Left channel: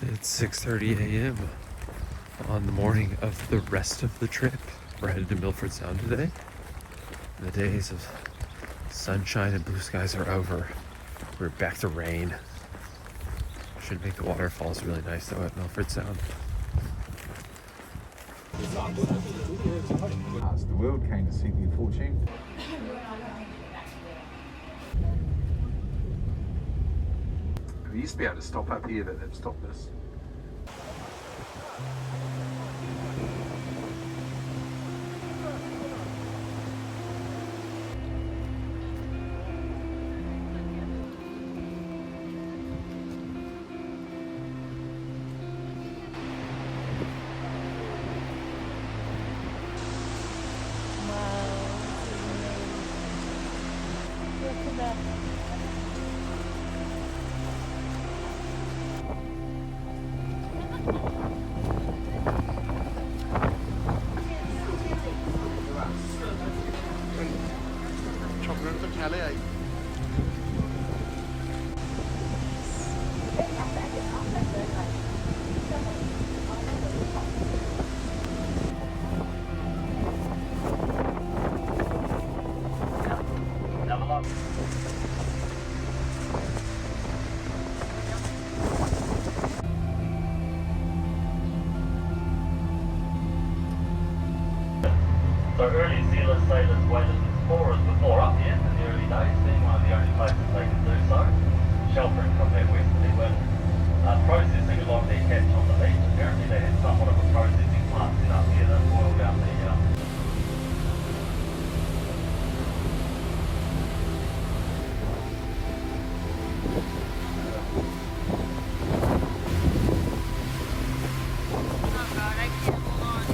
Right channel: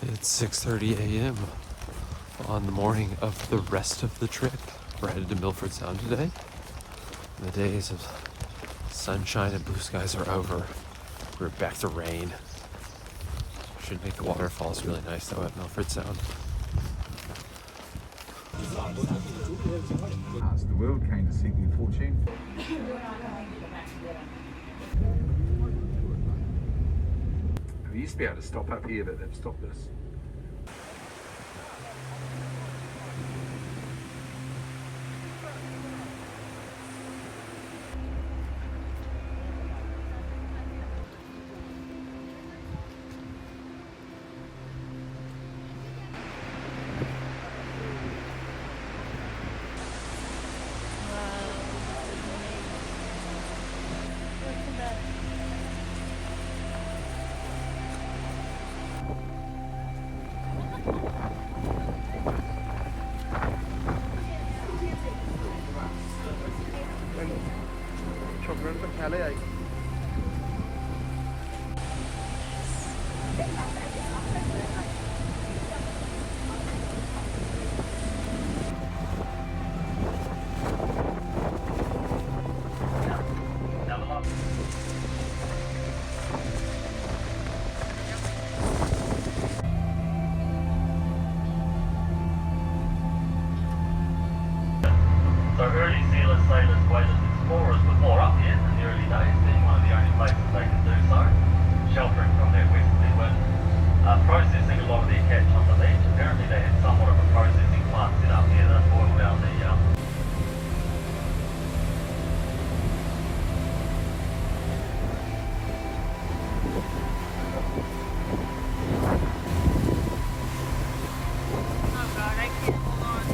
It's 6:30 a.m. on the morning of the rest of the trip. We're headed to Milford Sound today. The days of sunshine and blue skies are over. We're back to rain. Should make the waterfalls really nice though at Milford Sound. As the world came to seek new fortune. They used to be able to stop up here, but they've stopped this. So early Zealand sailors waited explorers before up here in the early days, being one of the only places they could do so, sheltering from their west. They were processing a lot of their catch on the beach. Apparently they had somewhat of a processing plant set up here that boiled down the Oh god, I can't hold on.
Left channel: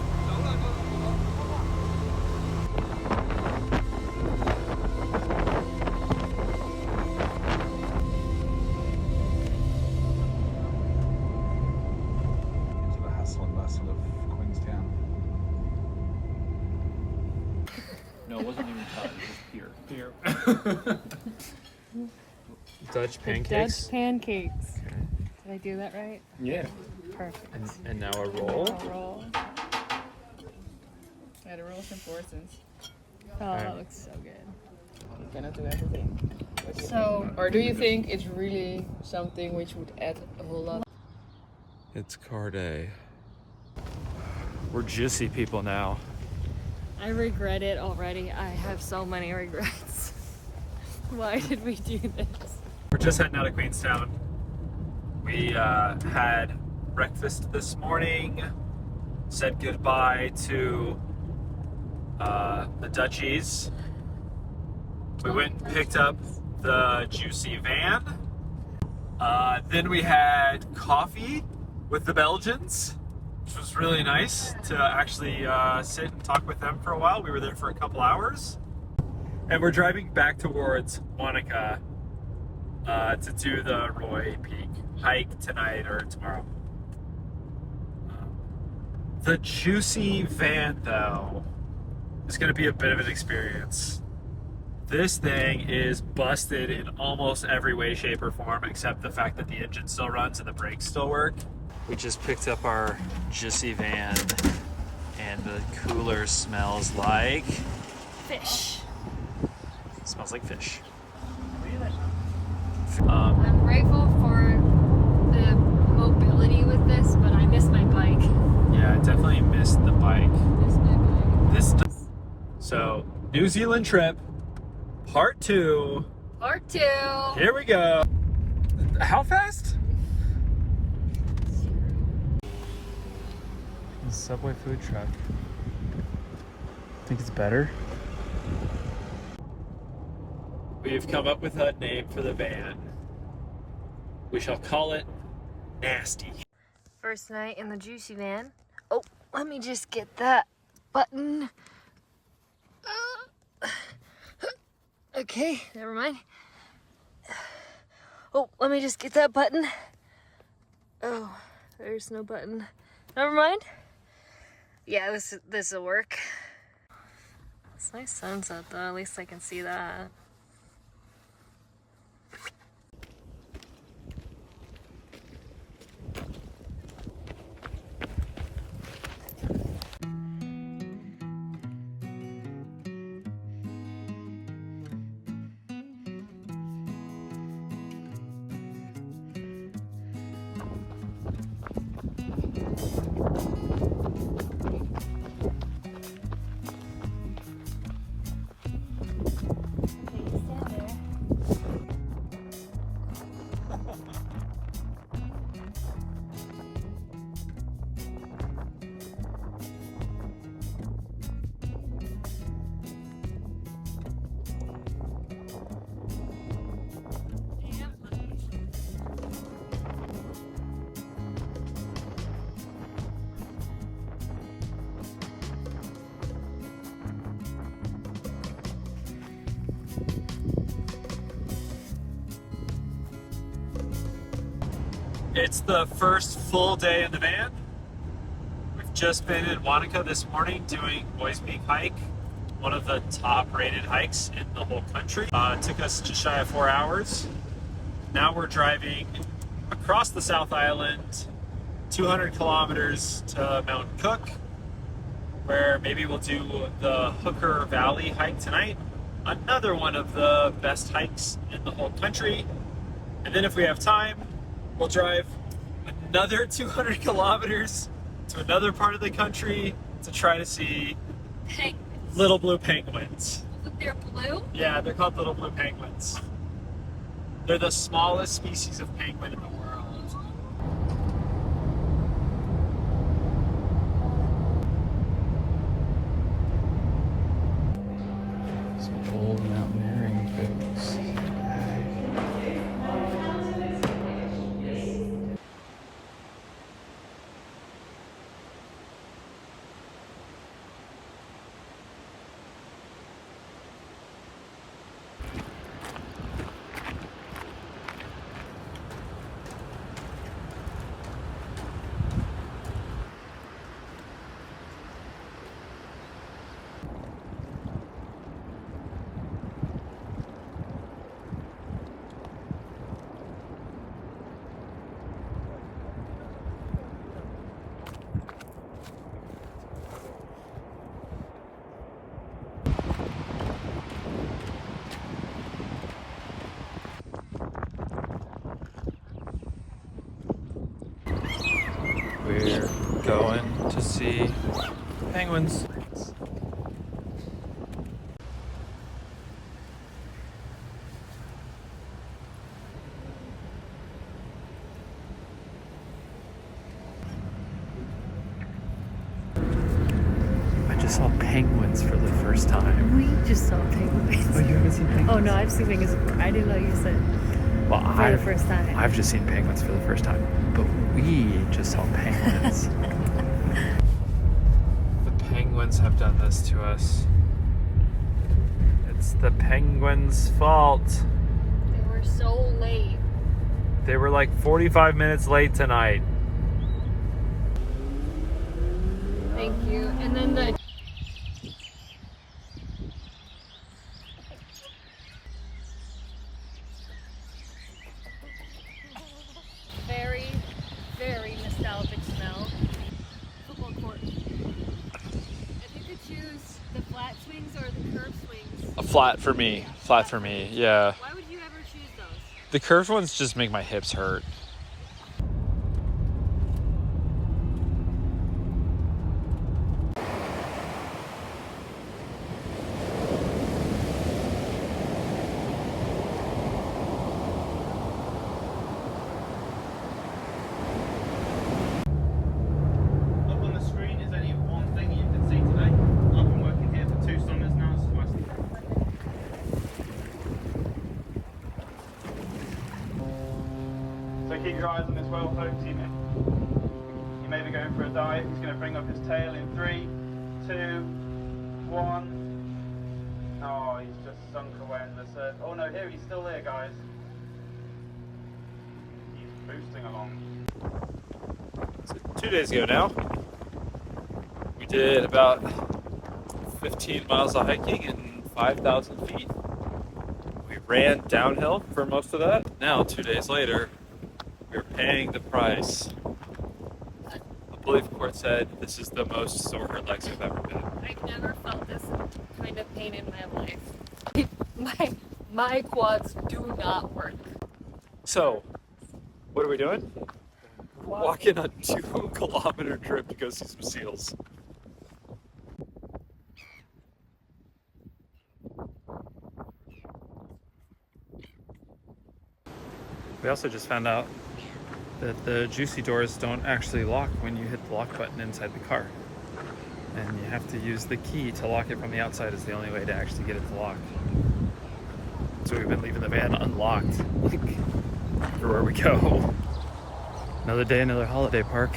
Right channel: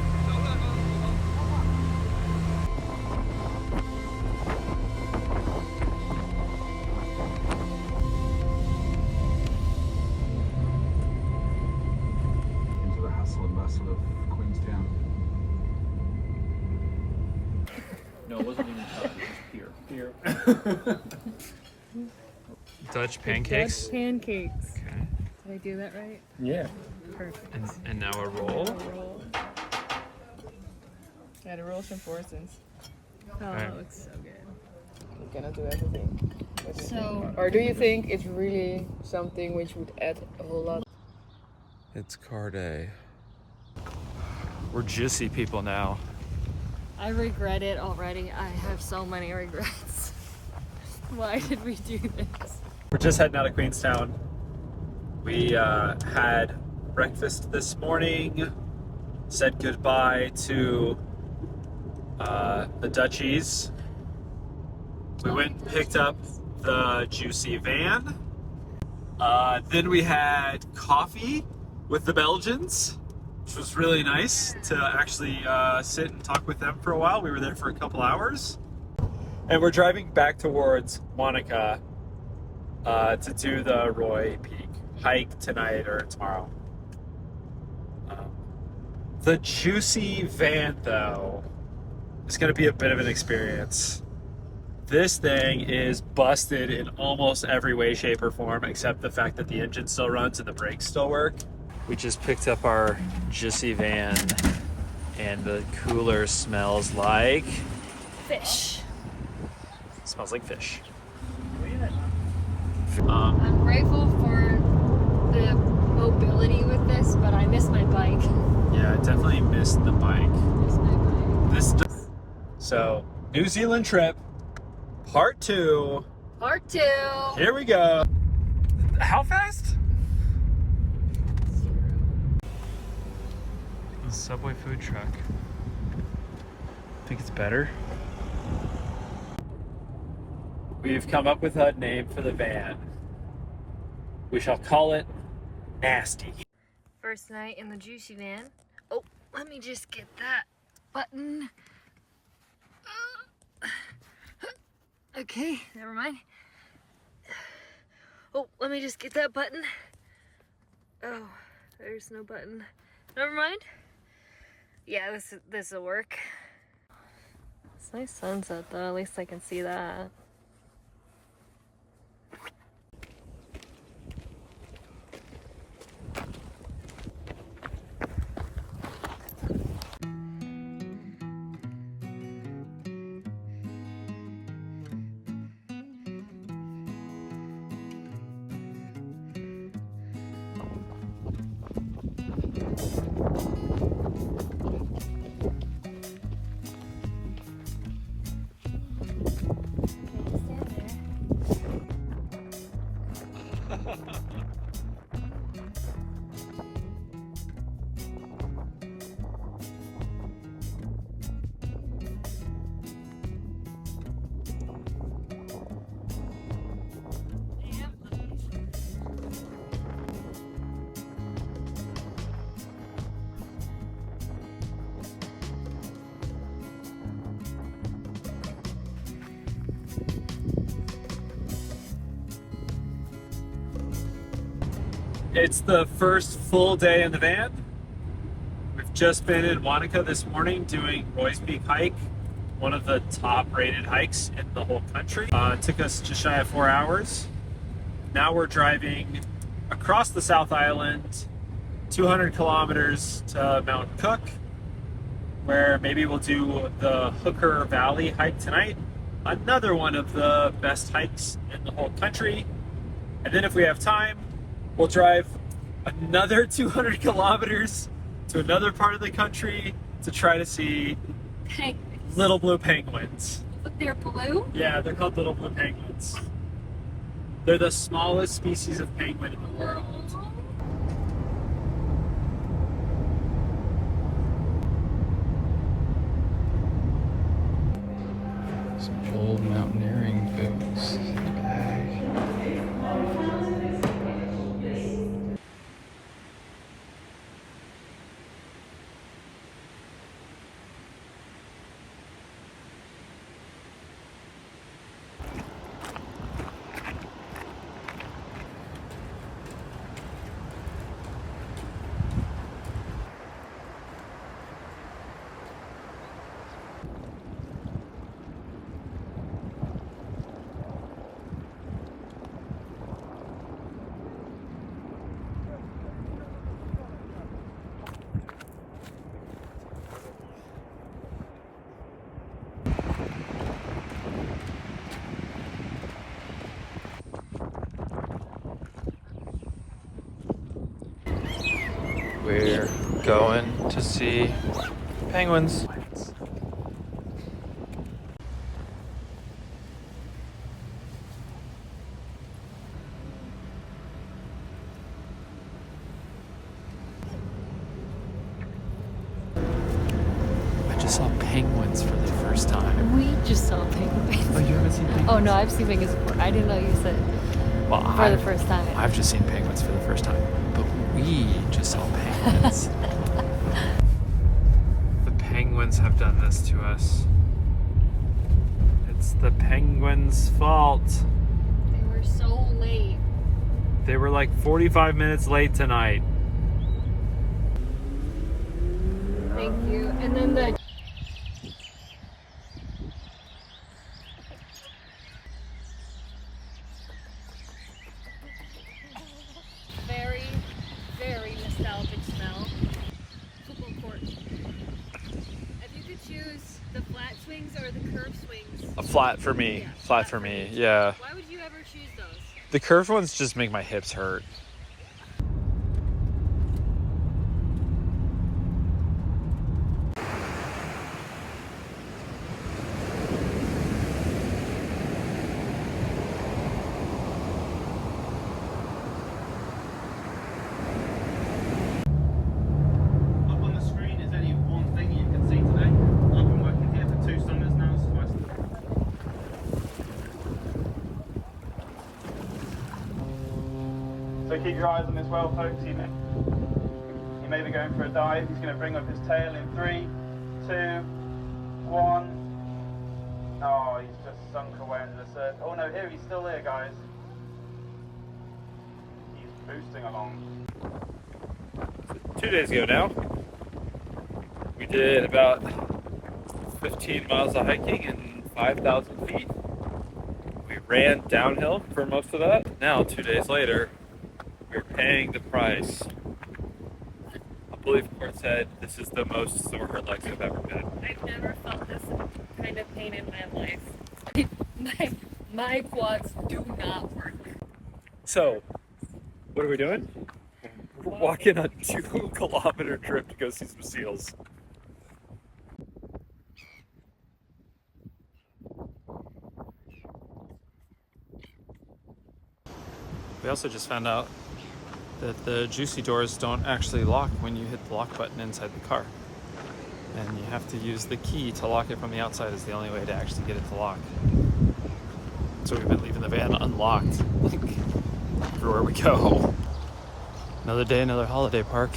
Into the hustle and bustle of Queenstown. No, it wasn't even Todd, it was Pier. Dutch pancakes. Dutch pancakes. Okay. Did I do that right? Yeah. Perfect. And now a roll. Roll. Yeah, the rolls and portions. Oh, Okay. that looks so good. You cannot do everything. What do you So, think? Or do you think it's really something which would add a whole lot? It's car day. We're juicy people now. I regret it already. I have so many regrets. Why did we do this? We're just heading out of Queenstown. We had breakfast this morning, said goodbye to the Dutchies. We went and picked up the juicy van. Then we had coffee with the Belgians, which was really nice to actually sit and talk with them for a while. We were there for a couple hours. And we're driving back towards Wanaka to do the Roy Peak hike tonight or tomorrow. The juicy van, though, is going to be a bit of an experience. This thing is busted in almost every way, shape, or form, except the fact that the engine still runs and the brakes still work. We just picked up our juicy van, and the cooler smells like... Fish. It smells like fish. I'm grateful for the mobility with this, but I miss my bike. Yeah, I definitely missed the bike. Miss my bike. So, New Zealand trip, part 2. Part 2. Here we go. How fast? The Subway food truck. Think it's better? We've come up with a name for the van. We shall call it Nasty. First night in the juicy van. Oh, let me just get that button. Okay, never mind. Oh, let me just get that button. Oh, there's no button. Never mind. Yeah, this will work. It's a nice sunset though, at least I can see that. It's the first full day in the van. We've just been in Wanaka this morning doing Roy's Peak hike, one of the top rated hikes in the whole country. It took us just shy of 4 hours. Now we're driving across the South Island, 200 kilometers to Mount Cook, where maybe we'll do the Hooker Valley hike tonight. Another one of the best hikes in the whole country. And then if we have time, we'll drive another 200 kilometers to another part of the country to try to see Penguins. little blue penguins. But they're blue? Yeah, they're called little blue penguins. They're the smallest species of penguin in the world. Some old mountaineering boots. We're going to see penguins. I just saw penguins for the first time. We just saw penguins. Oh, you haven't seen penguins? Oh no, I've seen penguins before. I didn't know you said Well, for the first time. I've just seen penguins for the first time, but we just saw penguins. The penguins have done this to us. It's the penguins' fault. They were so late. They were like 45 minutes late tonight. Thank you. And then the very, very nostalgic smell. Football court. If you could choose the flat swings or the curved swings, A flat for me. Flat for me, yeah. why would you ever choose those? The curved ones just make my hips hurt. Up on the screen is only one thing you can see today. I've been working here for 2 summers now. This is my So keep your eyes on this whale, folks. He may be going for a dive. He's going to bring up his tail in 3, 2, 1. Oh, he's just sunk away into the surf. Oh no, here he's still there, guys. He's boosting along. 2 days ago now, we did about 15 miles of hiking and 5,000 feet. We ran downhill for most of that. Now, 2 days later, we're paying the price. I believe Court said this is the most sore her legs have ever been. I've never felt this kind of pain in my life. my quads do not work. So, what are we doing? We're walking a 2-kilometer trip to go see some seals. We also just found out that the juicy doors don't actually lock when you hit the lock button inside the car. And you have to use the key to lock it from the outside is the only way to actually get it to lock. So we've been leaving the van unlocked everywhere we go. Another day, another holiday park.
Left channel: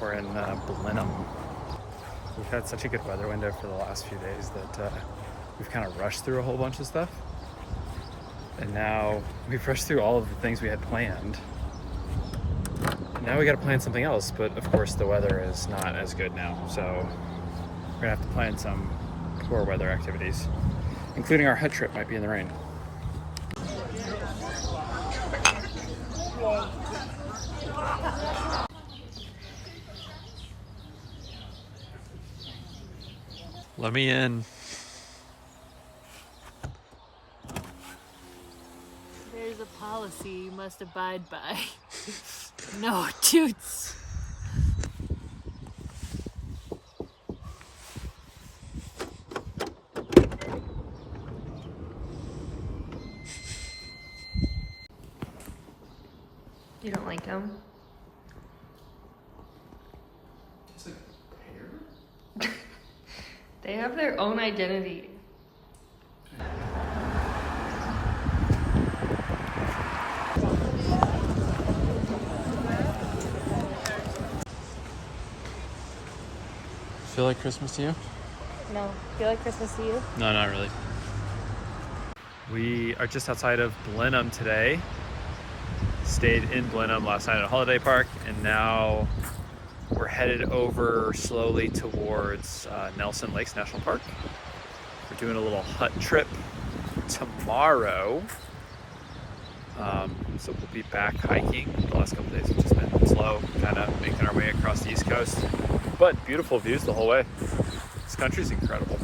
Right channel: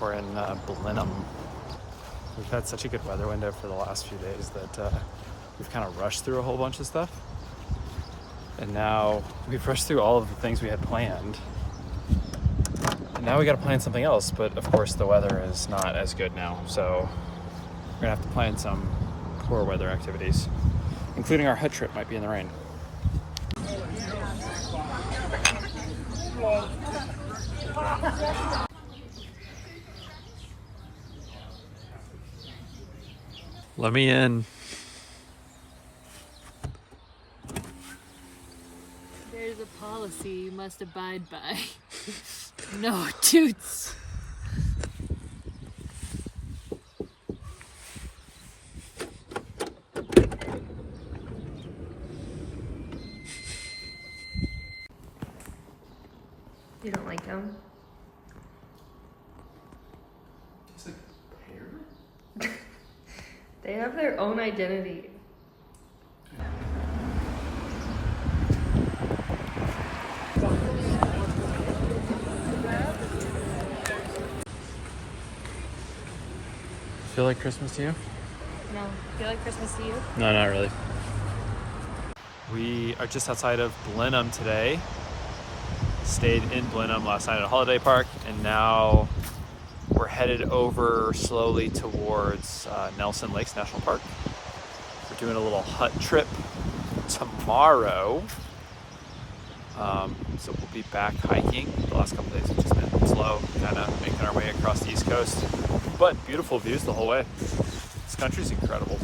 We're in Blenheim. We've had such a good weather window for the last few days that we've kind of rushed through a whole bunch of stuff. And now we've rushed through all of the things we had planned. now we got to plan something else, but of course the weather is not as good now, so we're gonna have to plan some poor weather activities, including our hut trip might be in the rain. Let me in. There's a policy you must abide by. No toots. You don't like them? It's like pear? They have their own identity. Feel like Christmas to you? No. Feel like Christmas to you? No, not really. We are just outside of Blenheim today. Stayed in Blenheim last night at a holiday park, and now we're headed over slowly towards Nelson Lakes National Park. We're doing a little hut trip tomorrow. So we'll be back hiking. The last couple days have just been slow, kind of making our way across the East Coast. But beautiful views the whole way. This country's incredible.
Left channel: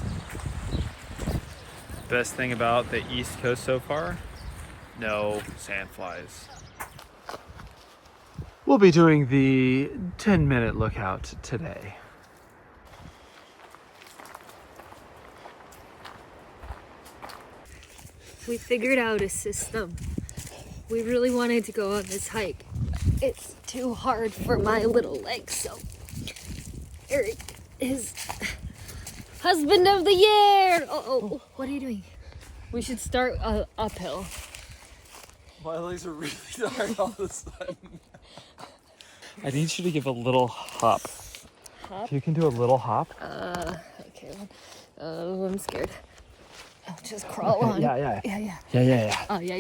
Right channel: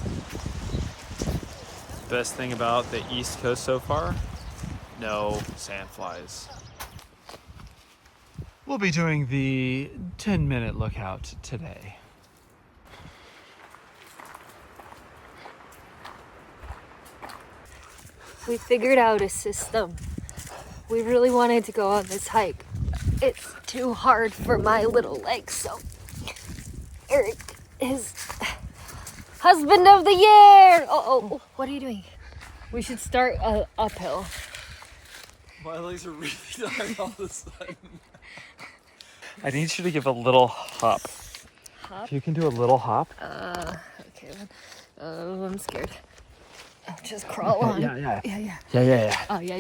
Best thing about the East Coast so far, no sandflies. We'll be doing the 10-minute lookout today. We figured out a system. We really wanted to go on this hike. It's too hard for my little legs, so Eric is husband of the year. Oh, what are you doing? We should start uphill. My legs are really tired all of a sudden. I need you to give a little hop. Hop? If you can do a little hop. Okay. I'm scared. I'll just crawl on. Yeah. Yeah. Yeah. Oh, yeah.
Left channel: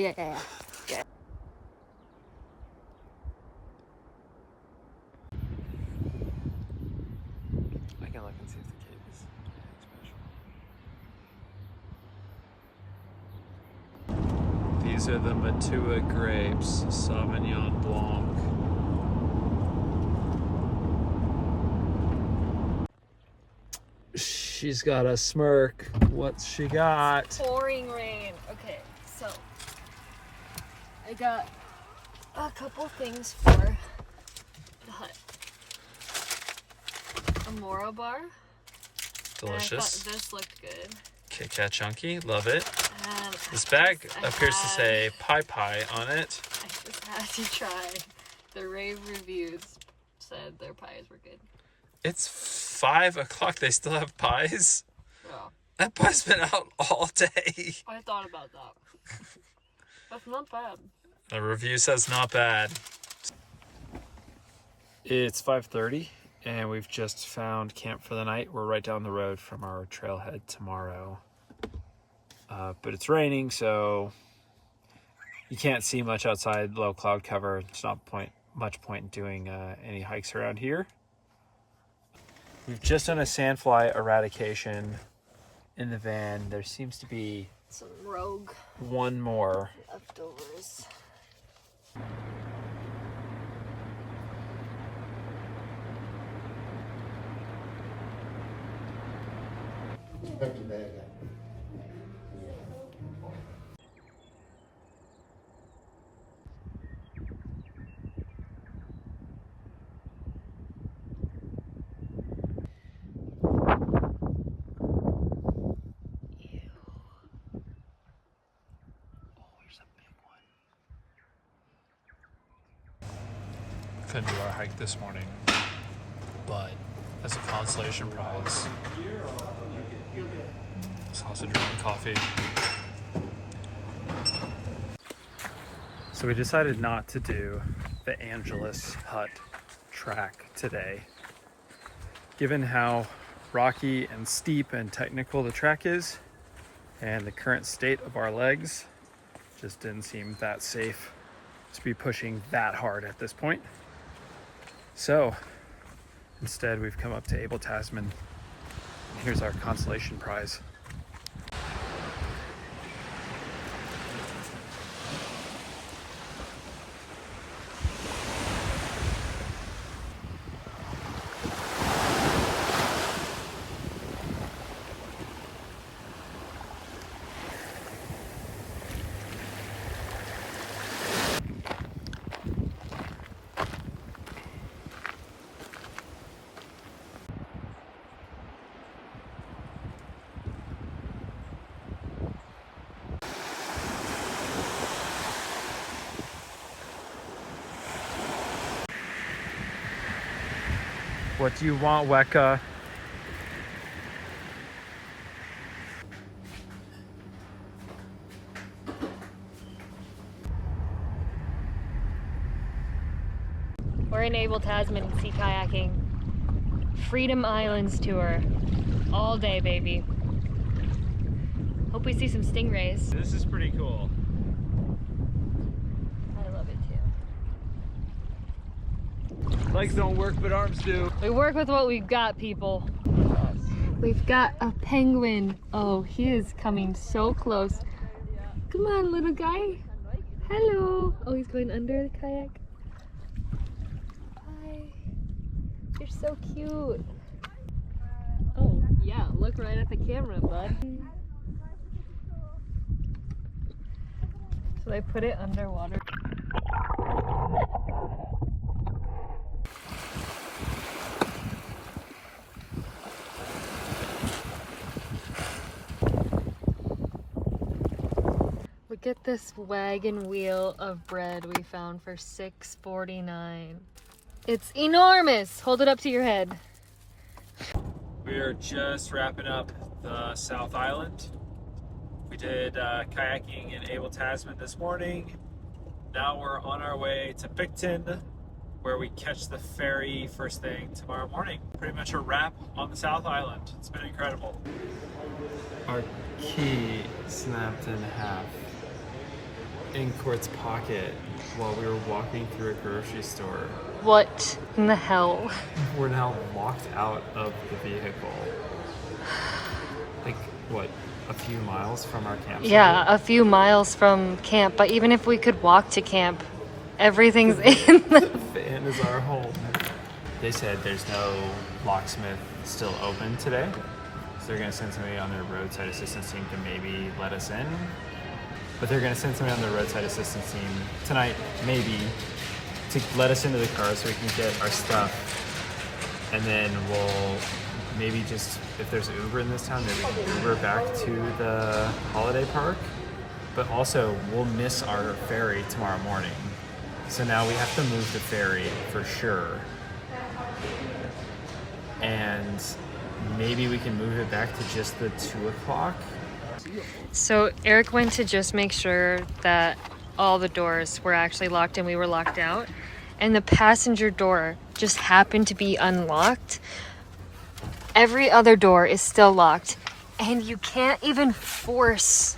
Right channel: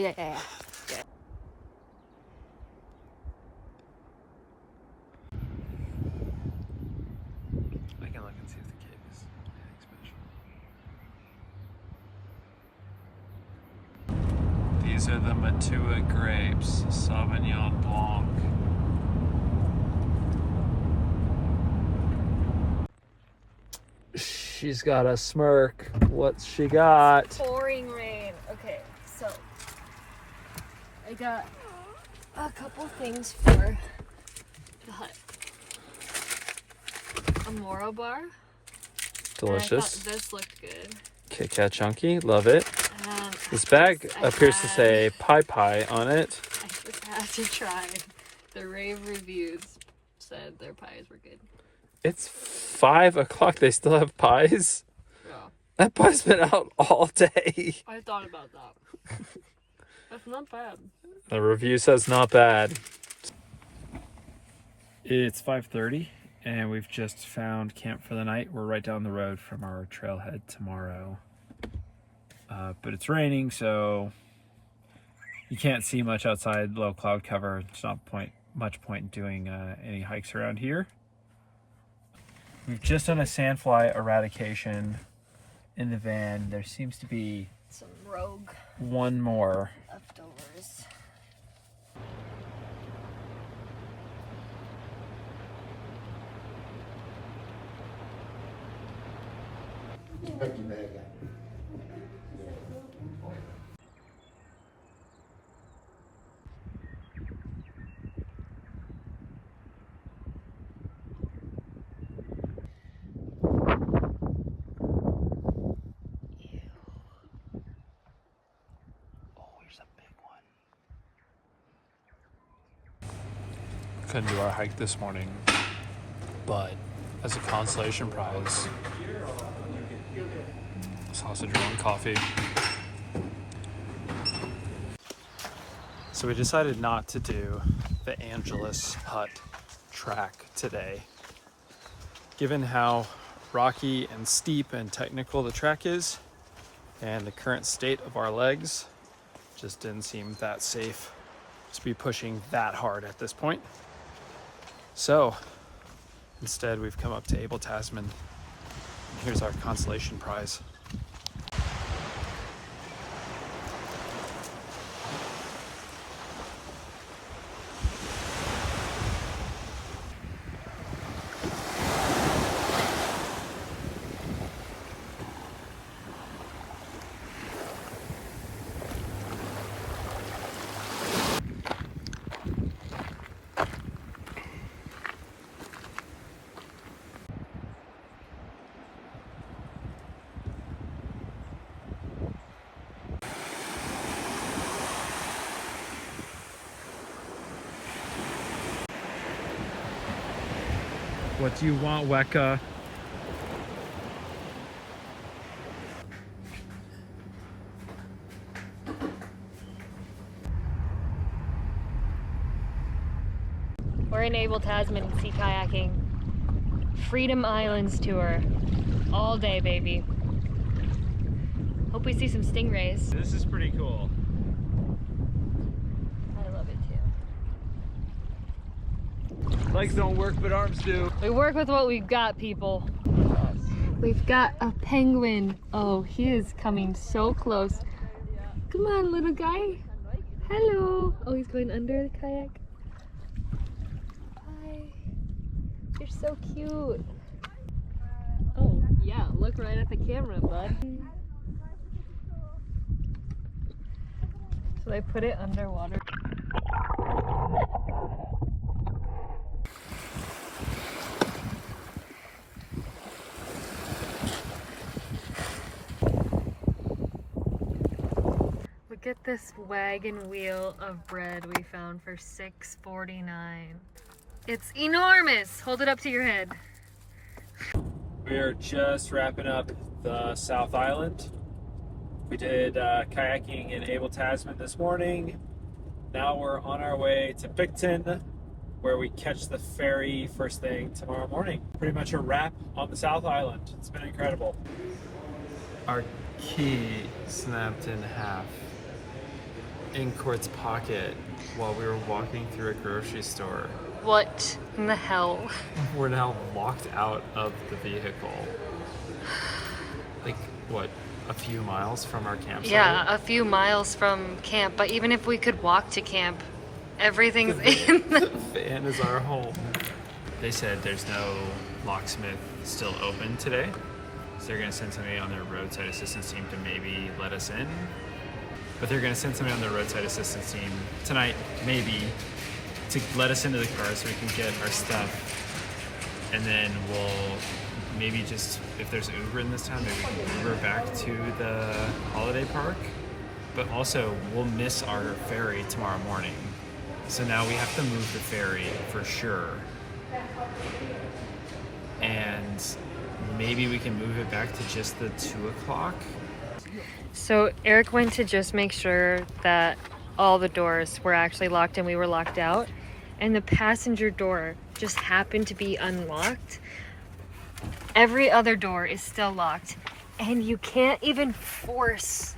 You can look and see if the cake is special. These are the Matua grapes, Sauvignon Blanc. She's got a smirk. What's she got? Pouring rain. Okay, so I got a couple things for the hut. A Moro bar. Delicious. I thought this looked good. Kit Kat Chunky, love it. Um, This bag I appears to had- say pie on it. I just had to try. The rave reviews said their pies were good. It's 5 o'clock. They still have pies? Yeah, That pie's been out all day. I thought about that. That's not bad. The review says not bad. It's 5:30 and we've just found camp for the night. We're right down the road from our trailhead tomorrow. But it's raining, so you can't see much outside, low cloud cover. It's not much point in doing any hikes around here. We've just done a sandfly eradication in the van. There seems to be Some rogue one more. leftovers. Couldn't do our hike this morning, but as a consolation prize, sausage roll and coffee. So we decided not to do the Angeles Hut track today. Given how rocky and steep and technical the track is, and the current state of our legs, just didn't seem that safe to be pushing that hard at this point. So instead, we've come up to Abel, Tasman. Here's our consolation prize. What do you want, Weka? We're in Abel, Tasman, sea kayaking. Freedom Islands tour. All day, baby. Hope we see some stingrays. This is pretty cool. I love it too. Legs don't work, but arms do. We work with what we've got, people. We've got a penguin. Oh, he is coming so close. Come on, little guy. Hello. Oh, he's going under the kayak. Hi. You're so cute. Oh, yeah, look right at the camera, bud. So they put it underwater. Look at this wagon wheel of bread we found for $6.49. It's enormous! Hold it up to your head. We're just wrapping up the South Island. We did kayaking in Abel, Tasman this morning. Now we're on our way to Picton, where we catch the ferry first thing tomorrow morning. Pretty much a wrap on the South Island. It's been incredible. Our key snapped in half in Court's pocket while we were walking through a grocery store. What in the hell? We're now locked out of the vehicle. Like, what, a few miles from our campsite? Yeah, a few miles from camp, but even if we could walk to camp, everything's in The the... van is our home. They said there's no locksmith still open today, so they're gonna send somebody on their roadside assistance team to maybe let us in. But they're gonna send somebody on their roadside assistance team tonight, maybe, to let us into the car so we can get our stuff. And then we'll maybe just, if there's Uber in this town, maybe we can Uber back to the holiday park. But also, we'll miss our ferry tomorrow morning. So now we have to move the ferry for sure. And maybe we can move it back to just the 2 o'clock. So Eric went to just make sure that all the doors were actually locked and we were locked out. And the passenger door just happened to be unlocked. Every other door is still locked. And you can't even force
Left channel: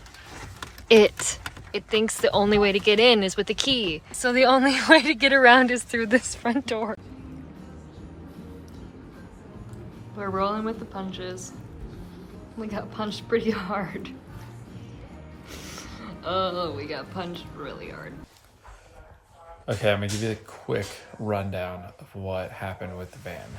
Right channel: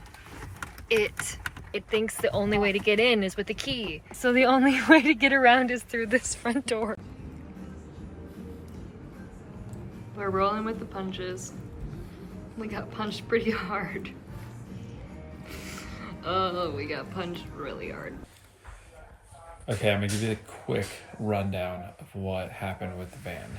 it. It thinks the only way to get in is with the key. So the only way to get around is through this front door. We're rolling with the punches. We got punched pretty hard. Oh, we got punched really hard. Okay, I'm gonna give you the quick rundown of what happened with the van.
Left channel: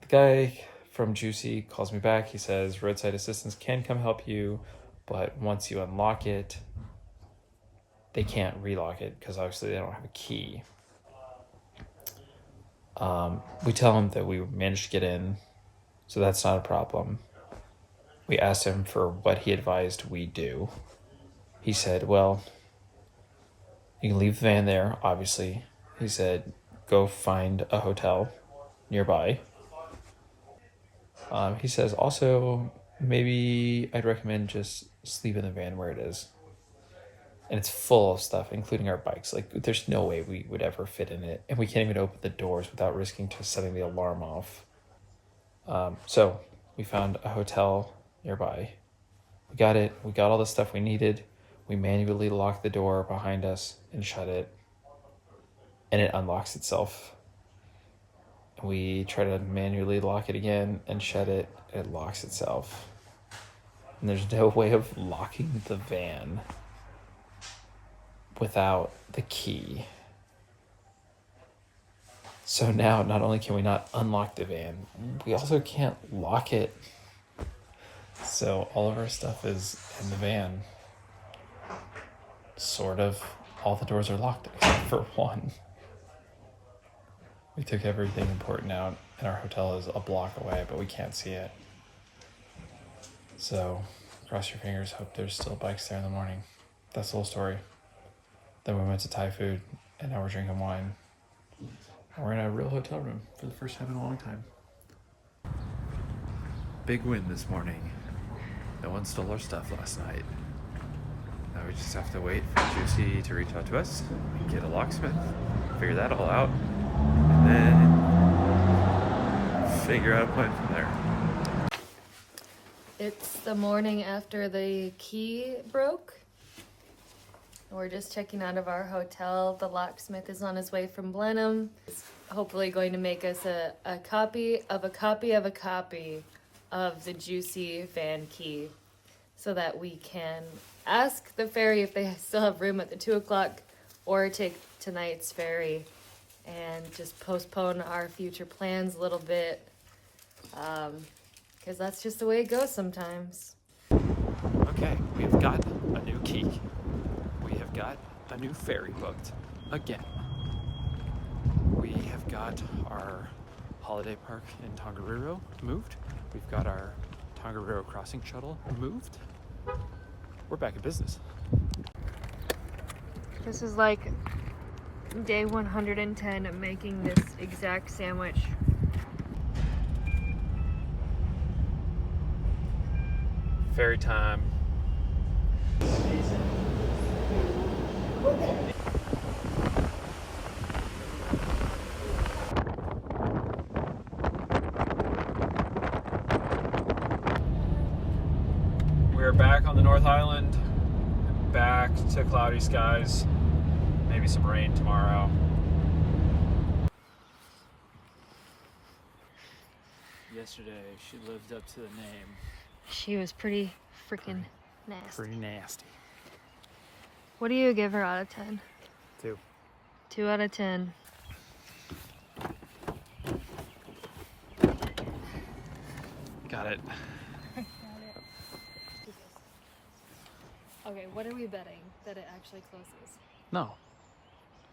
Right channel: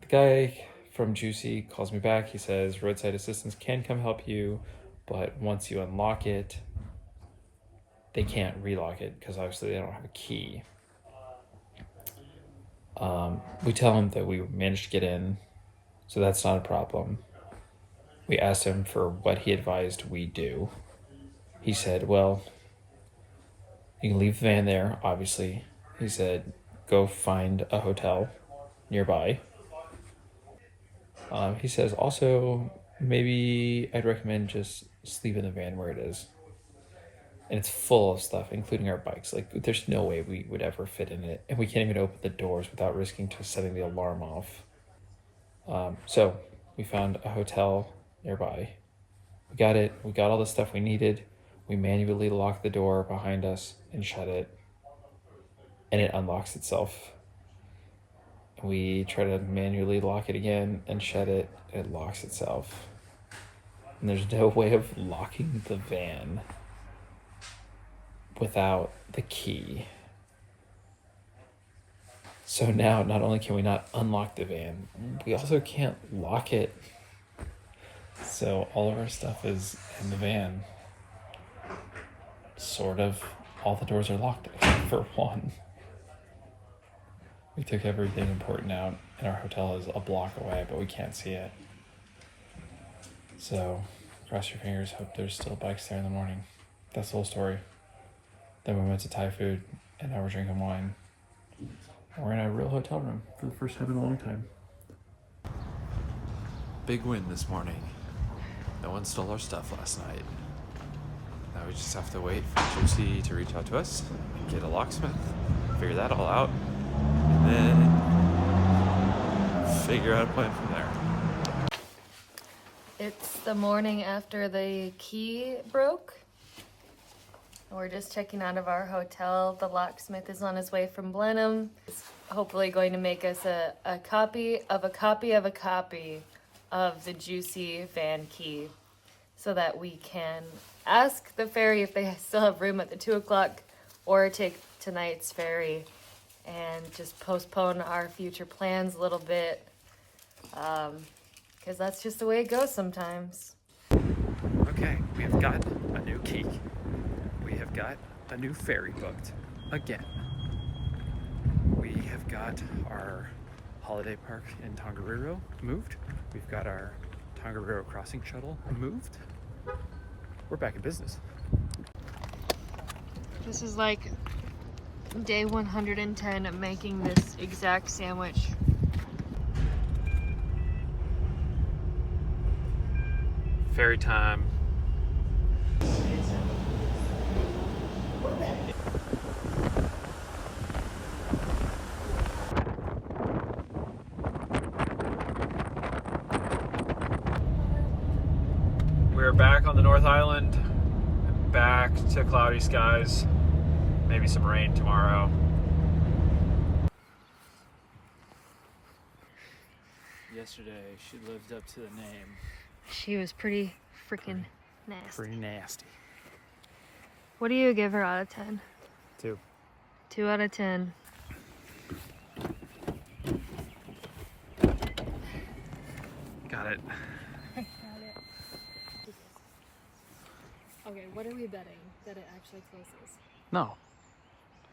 The guy from Juicy calls me back. He says roadside assistance can come help you, but once you unlock it, they can't relock it because obviously they don't have a key. We tell him that we managed to get in, so that's not a problem. We asked him for what he advised we do. He said, well, you can leave the van there, obviously. He said, go find a hotel nearby. He says, also, maybe I'd recommend just sleep in the van where it is. And it's full of stuff, including our bikes. Like, there's no way we would ever fit in it. And we can't even open the doors without risking to setting the alarm off. So we found a hotel nearby. We got it. We got all the stuff we needed. We manually locked the door behind us and shut it. and it unlocks itself. We try to manually lock it again and shut it, it locks itself. And there's no way of locking the van without the key. So now not only can we not unlock the van, we also can't lock it. So all of our stuff is in the van. Sort of. All the doors are locked except for one. We took everything important out, and our hotel is a block away, but we can't see it. So cross your fingers, hope there's still bikes there in the morning. That's the whole story. Then we went to Thai food, and now we're drinking wine. And we're in a real hotel room for the first time in a long time. Big win this morning. No one stole our stuff last night. Now we just have to wait for Juicy to reach out to us, get a locksmith, figure that all out, and then figure out a plan from there. It's the morning after the key broke. We're just checking out of our hotel. The locksmith is on his way from Blenheim. He's hopefully going to make us a copy of a copy of a copy of the Juicy van key so that we can ask the ferry if they still have room at the 2 o'clock or take tonight's ferry and just postpone our future plans a little bit because that's just the way it goes sometimes. Okay, we have got a new key. We have got a new ferry booked again. We have got our holiday park in Tongariro moved. We've got our Tongariro crossing shuttle moved. We're back in business. This is like day 110 of making this exact sandwich. Ferry time. We're back on the North Island, back to cloudy skies, maybe some rain tomorrow. Yesterday, she lived up to the name. She was pretty freaking nasty. Pretty nasty. What do you give her out of 10? 2. 2 out of 10. Got it. Okay, what are we betting? That it actually closes? No.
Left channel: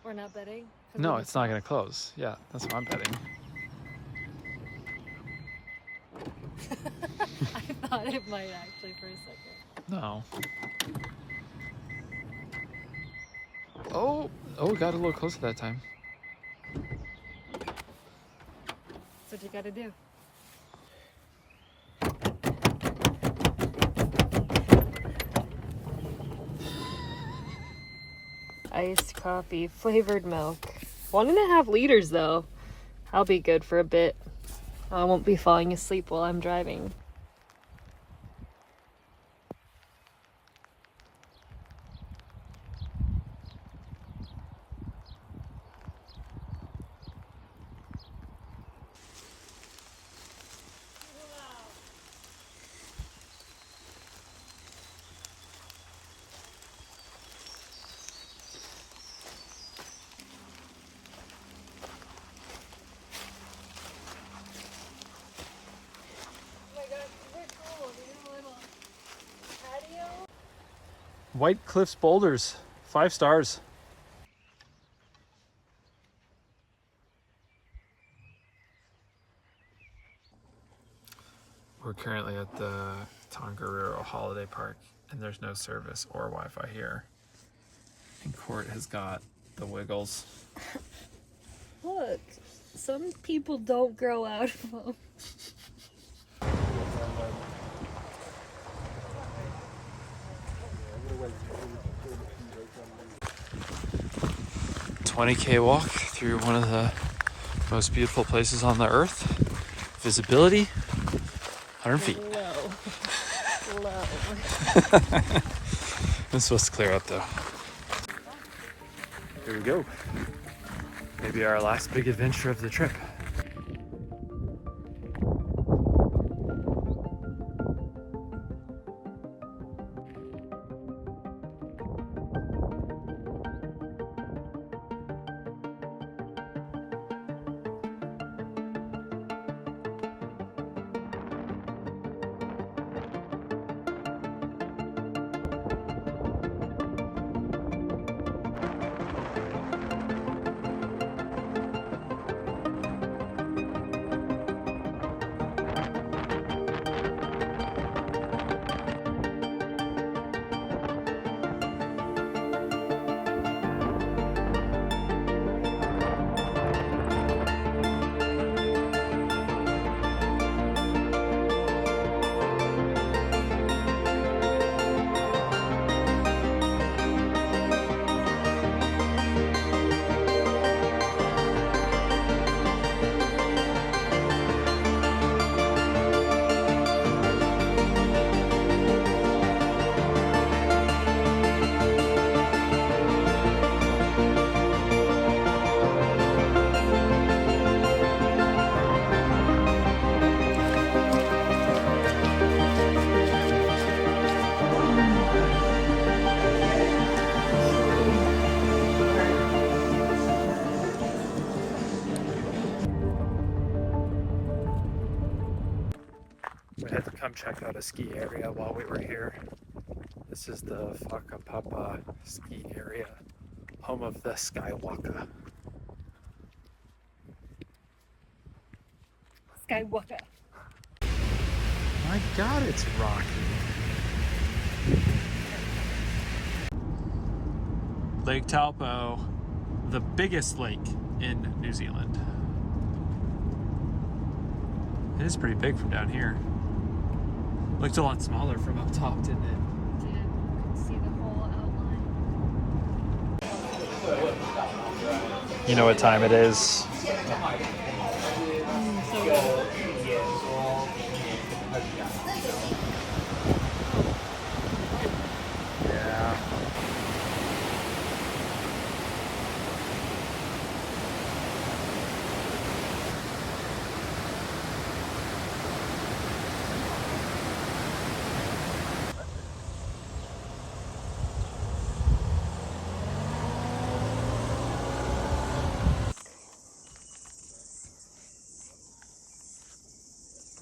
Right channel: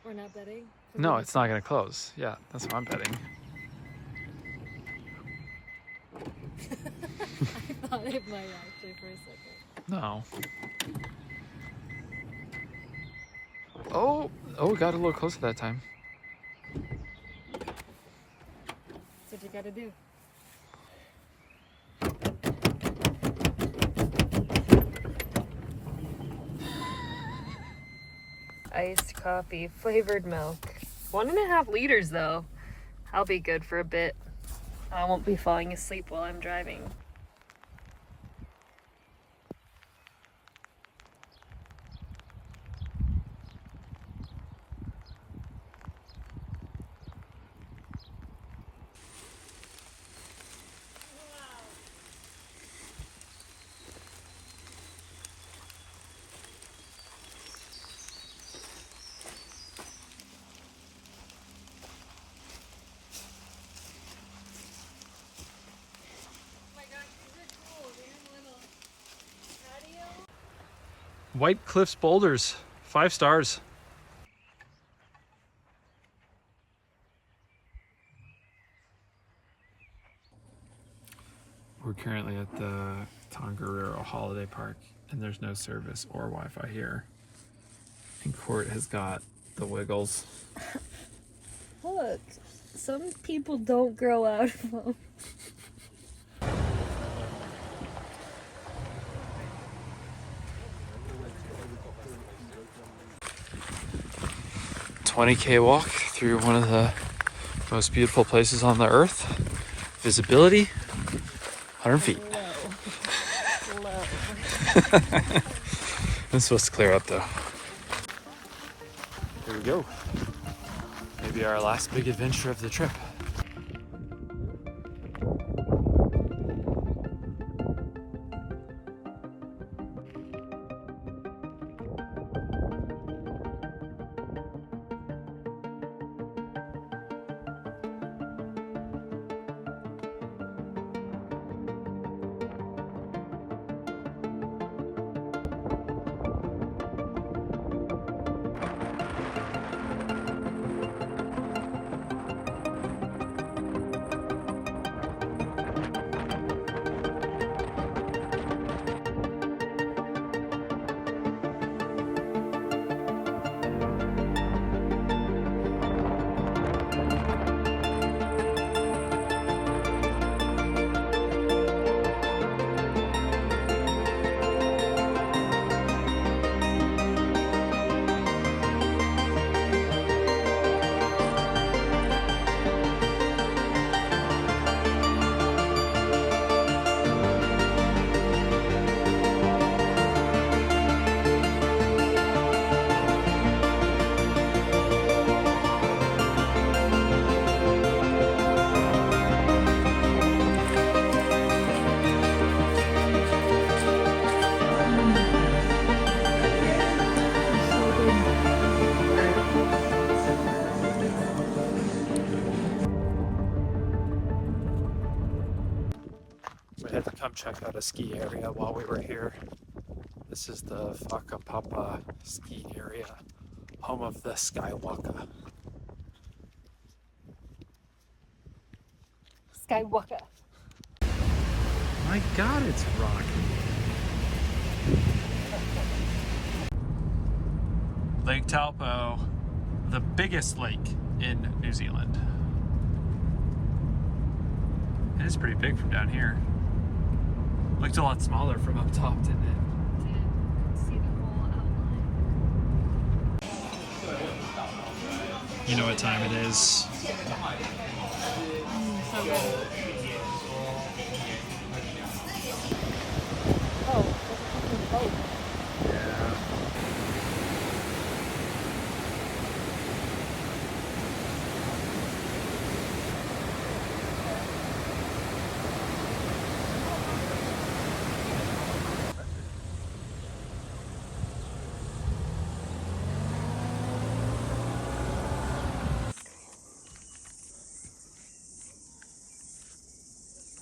We're not betting? No, it's not going to close. Yeah, that's what I'm betting. I thought it might actually for a second. No. Oh, it got a little closer that time. That's what you gotta do. Iced coffee, flavored milk. 1.5 liters though. I'll be good for a bit. I won't be falling asleep while I'm driving. White Cliffs Boulders, 5 stars. We're currently at the Tongariro Holiday Park, and there's no service or Wi-Fi here. And Court has got the wiggles. Look, some people don't grow out of them. 20K walk through one of the most beautiful places on the earth. Visibility, 100 feet. It's supposed to clear up though. Here we go. Maybe our last big adventure of the trip. We had to come check out a ski area while we were here. This is the Whakapapa ski area, home of the Skywalker. Skywalker. My God, it's rocky. Lake Taupo, the biggest lake in New Zealand. It is pretty big from down here. Looked a lot smaller from up top, didn't it? See the whole outline. You know what time it is?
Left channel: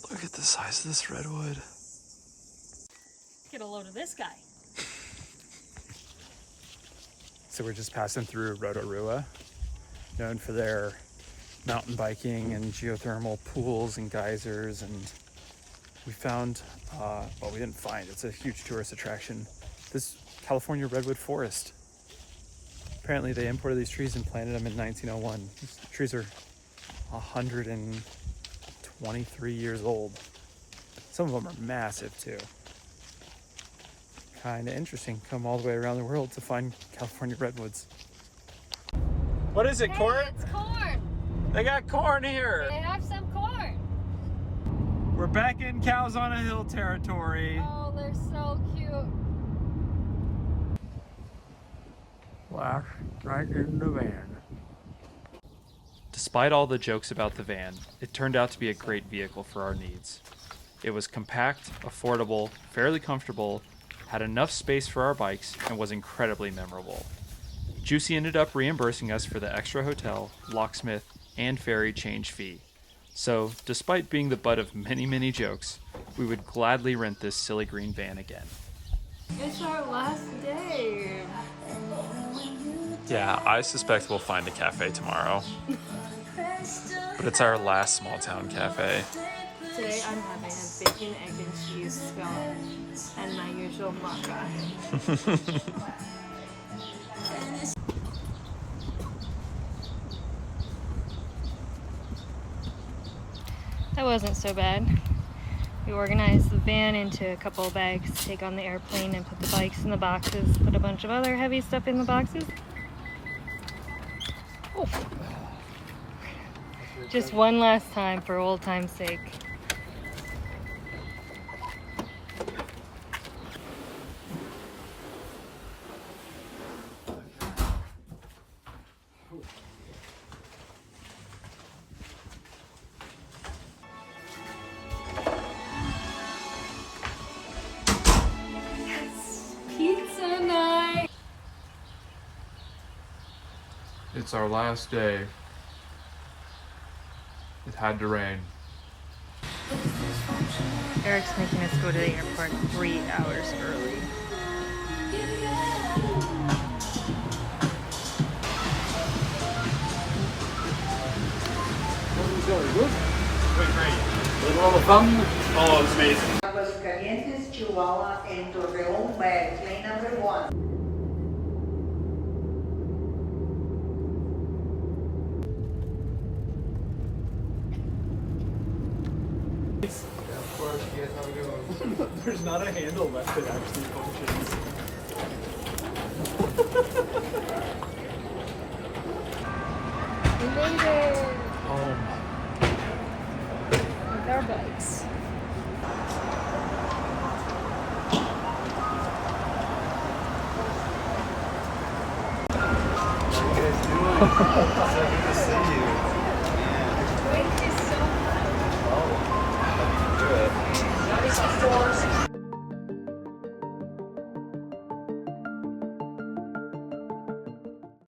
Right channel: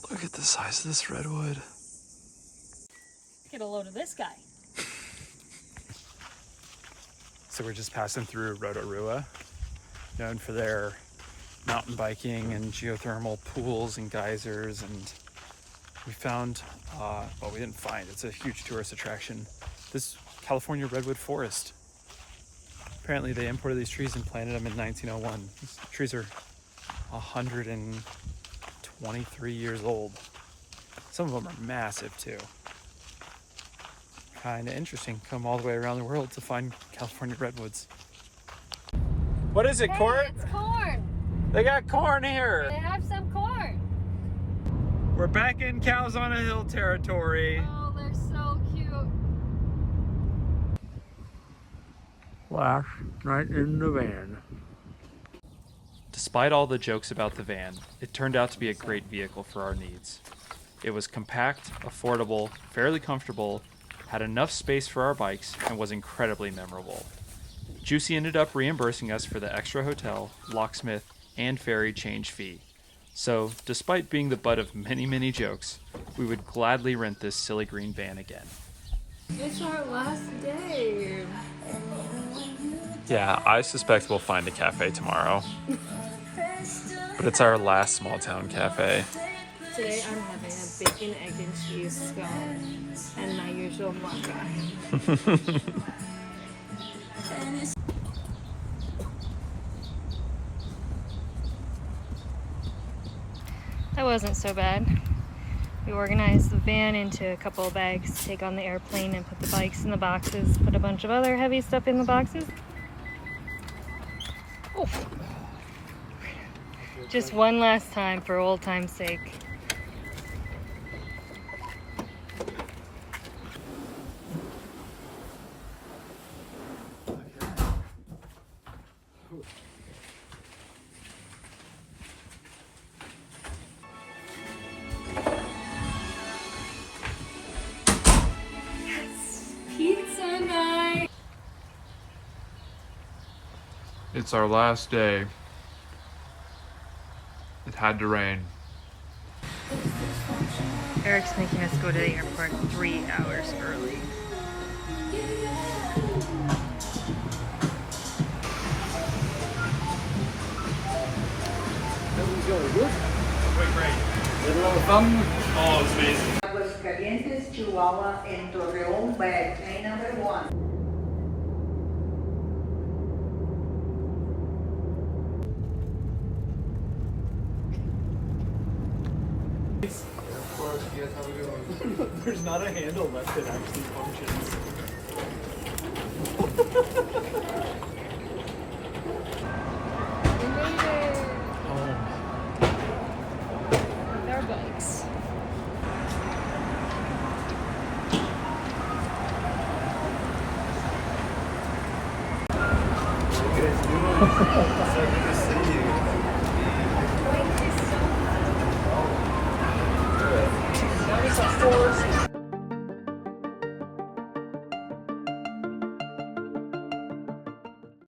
Look at the size of this redwood. Get a load of this guy. So we're just passing through Rotorua, known for their mountain biking and geothermal pools and geysers, and we found, well, we didn't find, it's a huge tourist attraction, this California redwood forest. Apparently they imported these trees and planted them in 1901. These trees are 123 years old. Some of them are massive too. Kind of interesting. Come all the way around the world to find California redwoods. What is it, corn? It's corn. They got corn here. They have some corn. We're back in Cows on a Hill territory. Oh, they're so cute. Last night in the van. Despite all the jokes about the van, it turned out to be a great vehicle for our needs. It was compact, affordable, fairly comfortable, had enough space for our bikes, and was incredibly memorable. Juicy ended up reimbursing us for the extra hotel, locksmith, and ferry change fee. So, despite being the butt of many, many jokes, we would gladly rent this silly green van again. It's our last day. Yeah, I suspect we'll find a cafe tomorrow. But it's our last small town cafe. Today I'm having a bacon, egg, and cheese scone and my usual maca. That wasn't so bad. We organized the van into a couple of bags to take on the airplane and put the bikes in the boxes, put a bunch of other heavy stuff in the boxes. Oh. Just one last time for old time's sake. It's our last day. It had to rain. Eric's making us go to the airport 3 hours early. Oh, it was amazing. Aguascalientes, Chihuahua, and Torreón by plane number 1. There's not a handle left that actually functions. We made it! Oh. With our boats. That is a horse.